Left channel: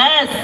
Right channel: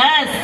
S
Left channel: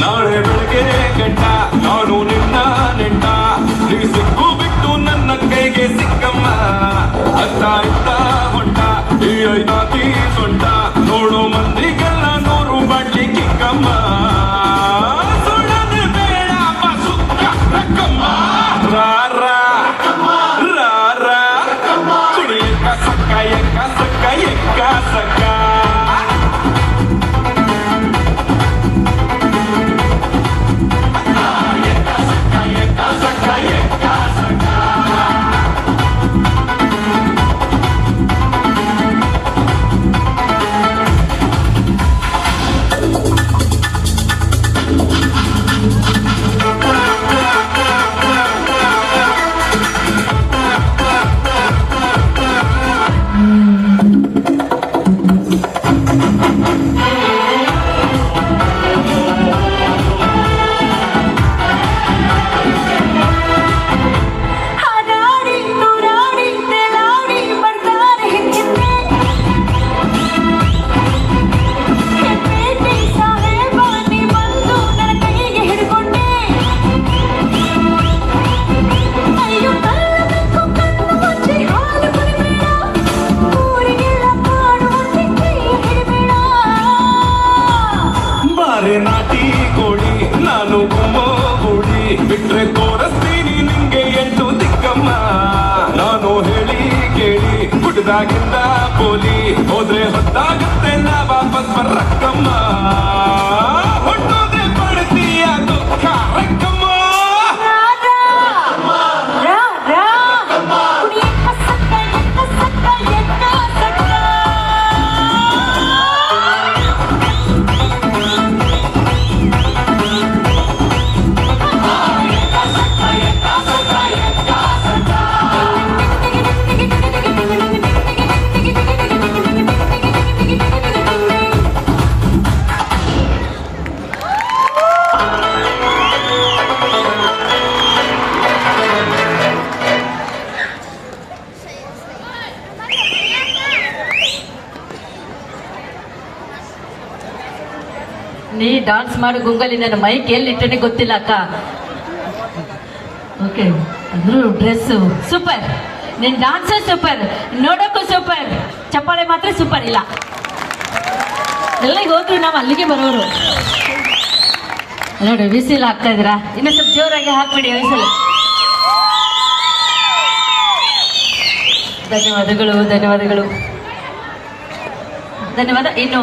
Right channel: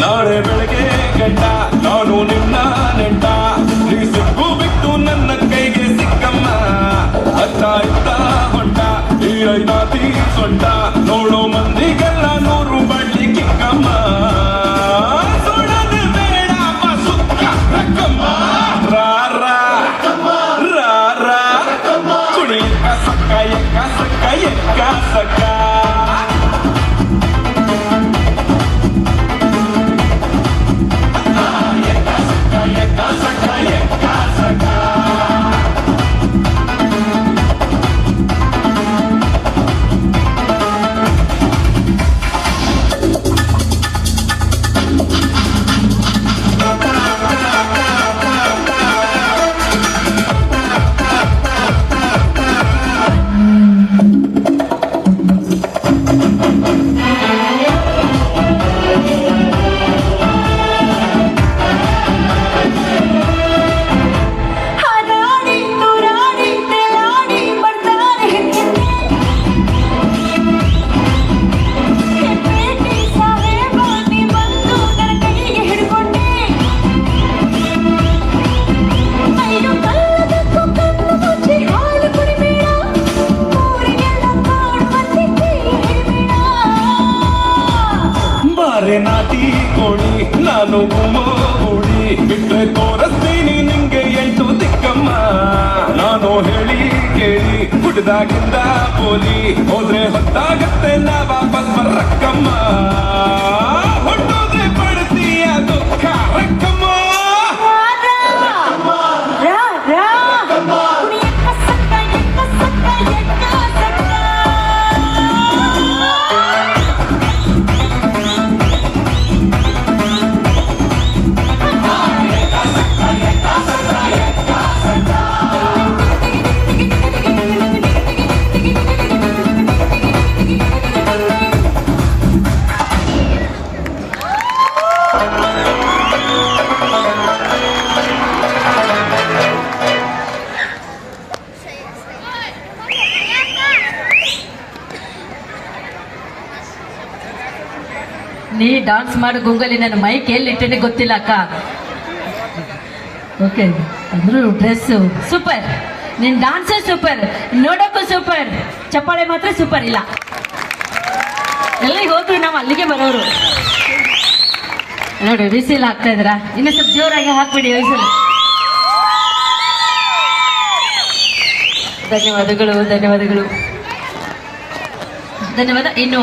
ನಾಳೆ ಬೆಳಗ್ಗೆ ಕೆಟ್ಟ ನಾನು ನಿನ್ನ ನೆಟ್ಟ ನೀ ಸಿಕ್ಕು ಬಿಟ್ಟು ನನ್ನ ಕೈಗೆ ಸಿಕ್ಕಮ್ಮ ಅತ್ತ ಇತ್ತ ಹೊಂಟ ಈ ಐದಾತಿ ಸೊಂಟ ನೋಡೋ ಮಂದಿಗೆಲ್ಲ ನೂರು ಬಾಟ್ಲಿ ಕಿಕ್ಕಮ್ಮ ಸುಡದೆ ಬೇಡ ಸುತ್ತ ರಕ್ಕಮ್ಮ ರಾರ ರಾರ ಸುಡಿ ಸಕ್ಕ ಎಕ್ಕ ಸಕ್ಕ ನಾಟಿ ಕೋಡಿ ನಾನು ಗುಮ್ಮೋ ಕೂಡಿ ಬಿಟ್ರೆ ತೋರಿಸ್ತೀನಿ ನಿಂಗೆ ಎಂಟು ದಿಕ್ಕಮ್ಮ ನಾನು ಹೇಳಿ ಕೇಳಿ ಗುಡ್ದಾಗಿಂದ ಕೋಲಿ ಹೋದ್ರೆ ಹೊತ್ತಾಗತ್ತೆ ನಾ ವಾಪಸ್ ಬರಕ್ಕಮ್ಮ ಹೊಟ್ಟೋದೆ ಪಡ್ತೀಯ ದುಃಖ ರಕ್ಕಮ್ಮ ನೀ ಡಾನ್ಸ್ ಮಾಡೋ ಗೂಗಲ್ ನನ್ನ ಮೈಕ್ ಎಲ್ಲಿಟ್ಟೆ ಗೊತ್ತಿಲ್ಲ ಅಕ್ಕ. ಓಕೆ ಅಂದ್ರು ಡ್ರೆಸ್ ಸೂಪರ್, ನಿನ್ ಡಾನ್ಸ್ ಸೂಪರ್, ನೋಡೋಕ್ಕೂ ಸೂಪರ್, ಚಪ್ಪಾಳೆ ಮಾತ್ರ ಸೂಪರ್ ಇಲ್ಲ. ಎಲ್ಲಿಗೆ ಹೋದ್ರು ನಾವು ಅಲ್ಲಿಗೆ ಬರೋರು. ನೋಡಿ ಬಿಸಿಲು ಹಾಕ್ತಾ ಇದ್ರ, ಇನ್ನು ಸ್ವಲ್ಪ ಜೋರಾಗಿ ಹಾಕ್ಬಿಡಿ ವಯಸ್ಸಲ್ಲಿ. ಧನ್ಯವಾದಗಳು ಧನ್ಯವಾದಗಳು ಧನ್ಯವಾದ. ಇನ್ನು